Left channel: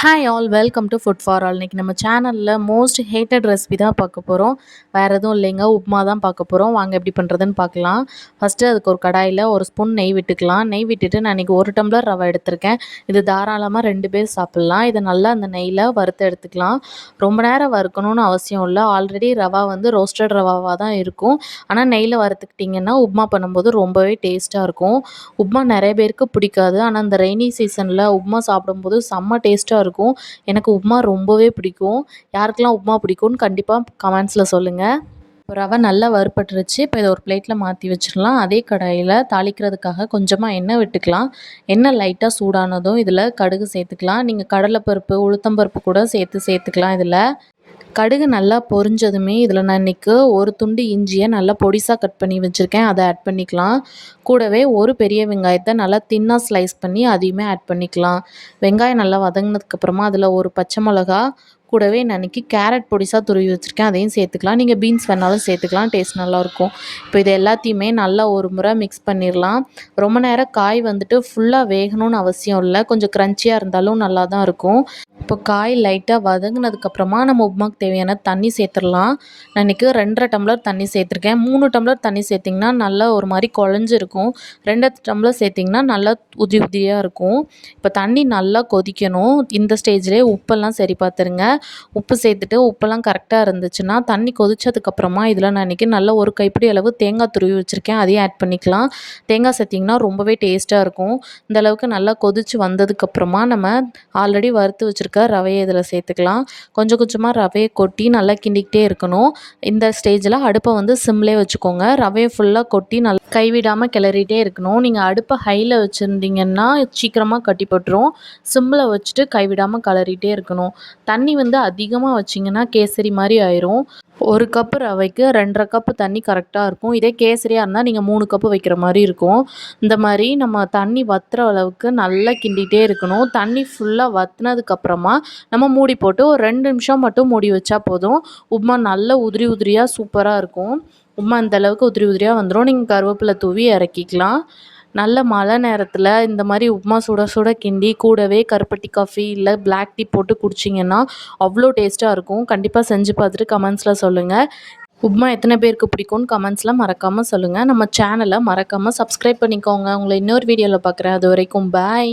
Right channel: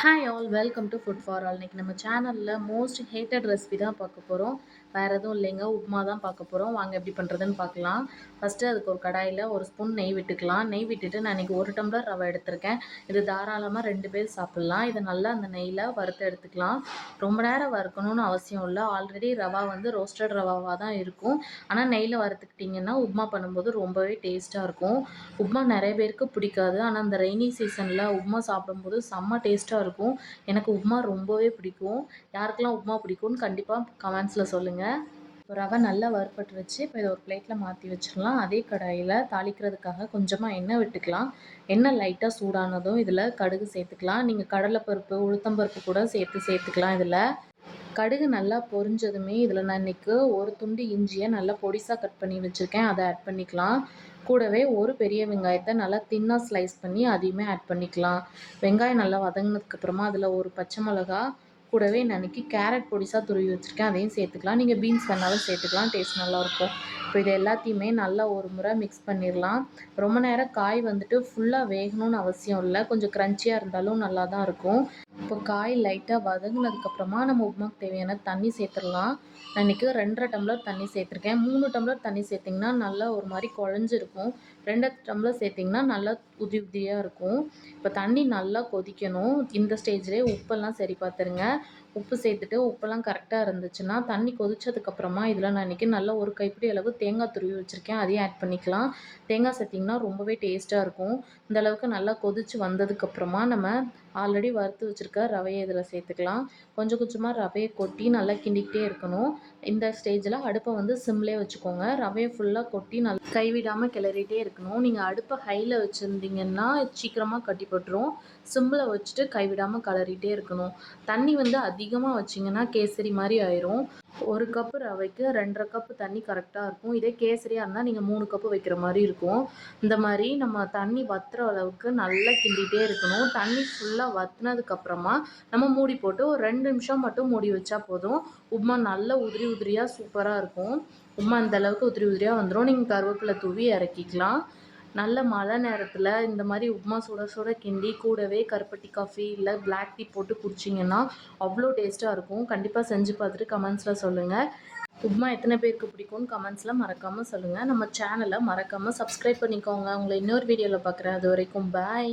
Hi all welcome to food for all. இன்றைக்கி நம்ம சேனலில் மோஸ்ட் ஹேட்டட் ரெசிபி தான் பார்க்க போகிறோம். வேறு எதுவும் இல்லைங்க, உப்புமா தான் பார்க்க போகிறோம். வாங்க எப்படி பண்ணுறதுன்னு பார்க்கலாம். ஃபஸ்ட்டு அதுக்கு ஒரு கடாயில் ஒரு ஸ்பூன் நெய் விட்டுக்கலாம். நெய் விட்டுட்டு நான் இன்றைக்கி 1 டம்ளர் ரவை எடுத்திருக்கேன். இது தாராளமாக 2 பேர் சாப்பிட்லாம். இதை நல்லா அந்த நெய்யில் வறுத்து எடுத்துக்கலாம். ரொம்ப நேரம் வறுக்கணும்னு அவசியம் இல்லை. ஆல்ரெடி ரவா வந்து ரோஸ்டட் ரவாவாக தான் இருக்கும். ஆனால் நெய்யில் வறுத்துக்கிட்டிங்கன்னா உப்புமா பண்ணும்போது ரொம்பவே டேஸ்ட்டாக இருக்கும். உப்புமா நிறைய பேருக்கு பிடிக்காது. ஆனால் இந்த ரெய்னி சீசனில் உப்புமா சாப்பிடும்போது செம்ம டேஸ்ட்டாக இருக்கும். எனக்கு உப்புமா ரொம்பவே பிடிக்கும். யாருக்கெல்லாம் உப்புமா பிடிக்கும்னு கண்டிப்பாக கமெண்ட்ஸில் சொல்லுங்கள். ரவை நல்லா வறுபட்டுருச்சு. இப்போ இதை ஒரு பிளேட்டில் மாற்றி வச்சிடலாம். அதே கடாயில் தாளிக்கிறதுக்காக கொஞ்சமாக எண்ணெய் விட்டுக்கலாம். எண்ணெய் லைட்டாக சூடானதும் இதில் கடுகு சேர்த்துக்கலாம். நீங்கள் கடலைப்பருப்பு, உளுத்தம்பருப்பு கூட சேர்த்துக்கலாம். இதில் கடுகு நல்லா பொரிஞ்சதுமே இதில் நான் இன்றைக்கி ஒரு துண்டு இஞ்சியை நல்லா பொடிசாக கட் பண்ணி வச்சுருக்கேன். அதை ஆட் பண்ணிக்கலாம். கூடவே ஒரு பெரிய வெங்காயத்தை நல்லா தின்னாக ஸ்லைஸ் பண்ணி அதையுமே ஆட் பண்ணிக்கலாம். வெங்காயம் நல்லா வதங்கினதுக்கப்புறமா அதில் ஒரு பச்சை மிளகா, கூடவே நான் இன்றைக்கி கேரட் பொடிசாக துருவி வச்சுருக்கேன், அதையும் சேர்த்துக்கலாம். நீங்கள் பீன்ஸ் வேணாலும் சேர்த்துக்கலாம், டேஸ்ட் நல்லாயிருக்கும். இப்போ இது எல்லாத்தையுமே நல்லா ஒரு முறை மிக்ஸ் பண்ணிடலாம். ரொம்ப நேரம் காய் வந்துட்டு ஃபுல்லாக வேகணும்னு அவசியம் இல்லை, கொஞ்சம் க்ரன்ச்சியாக இருந்தாலும் நல்லா தான் இருக்கும். இப்போ காய் லைட்டாக வதங்கினதுக்கப்புறமா நம்ம உப்புமாக்கு தேவையான தண்ணி சேர்த்துடலாம். நான் இன்றைக்கி 2.5 டம்ளர் தண்ணி சேர்த்துருக்கேன். 3 டம்ளர் தண்ணி சேர்த்திங்கன்னா நல்லா ஒரு மாதிரி குழஞ்சிருக்கும். 2 டம்ளர் சேர்த்திங்கன்னா நல்லா உதிரி உதிரியாக இருக்கும். இப்போ தண்ணி நல்லா கொதிக்கணும். இந்த ஸ்டேஜ்லேயே உப்பெல்லாம் சரி பார்த்துருங்க. உப்பு சேர்த்துட்டு உப்பெல்லாம் கரெக்டாக இருந்துச்சுன்னா தண்ணி கொதிச்சதுக்கப்புறமா இதில் நான் இன்றைக்கி நல்லா ஒரு கைப்பிடி அளவு தேங்காய் துருவி வச்சுருக்கேன், அதையும் ஆட் பண்ணிக்கலாம். தேங்காய் சேர்த்திங்கன்னா ரொம்பவே டேஸ்ட்டாக இருக்கும். இந்த அளவுக்கு நல்லா கொதித்து வந்ததுக்கப்புறமா நம்ம ஆல்ரெடி வறுத்து வச்சுருக்க ரவையை இதில் சேர்த்துக்கலாம். கொஞ்சம் கொஞ்சமாக ரவையை கொட்டி நல்லா கிண்டிக்கிட்டே இருக்கணும். இந்த ஸ்டேஜில் அடுப்பை வந்து சிம்லே வச்சுக்கோங்க. ரவையை ஃபுல்லாக கொட்டி நல்லா கைவிடாமல் கிளறிட்டே இருக்கணும். நீங்கள் அடுப்பை ஹையில் வச்சுருந்தீங்கன்னா சீக்கிரமாக கட்டி போட்டுரும். சிம்மில் வச்சுட்டு கைவிடாமல் கிளறிட்டே இருக்கணும். தண்ணி வந்து அதிகமாக வச்சிங்கன்னா கேசரி மாதிரி ஆயிரும். 1 கப்பு ரவைக்கு 2.5 கப்பு தண்ணி கரெக்டாக இருக்கும். இதே கேசரியாக இருந்தால் நீங்கள் 3 கப்பு வைக்கிற மாதிரி இருக்கும். இந்த மாதிரி நம்ம தண்ணி வற்றுற அளவுக்கு நல்லா கிண்டிகிட்டே இருக்கணும். தண்ணி ஃபுல்லாக வற்றினதுக்கப்புறமா நம்ம மூடி போட்டு ஒரு 2 நிமிஷம் மட்டும் மூடி வச்சா போதும். உப்புமா நல்ல உதிரி உதிரியாக சூப்பராக இருக்கும். உப்புமா இந்தளவுக்கு உதிரி உதிரியாக வந்துடும். நீங்கள் கருவேப்பிலை தூவி இறக்கிக்கலாம். நல்ல மழை நேரத்தில் இந்த மாதிரி உப்புமா சுட சுட கிண்டி கூடவே கருப்பட்டி காஃபி இல்லை பிளாக் டீ போட்டு குடிச்சிங்கன்னா அவ்வளோ டேஸ்ட்டாக இருக்கும். கண்டிப்பாக செஞ்சு பார்த்துட்டு கமெண்ட்ஸில் சொல்லுங்கள். உப்புமா எத்தனை பேருக்கு பிடிக்கும்னு கமெண்ட்ஸில் மறக்காமல் சொல்லுங்கள். நம்ம சேனலை மறக்காமல் சப்ஸ்கிரைப் பண்ணிக்கோங்க. உங்களை இன்னொரு வீடியோவில் பார்க்குறேன். அது வரைக்கும் பாய்.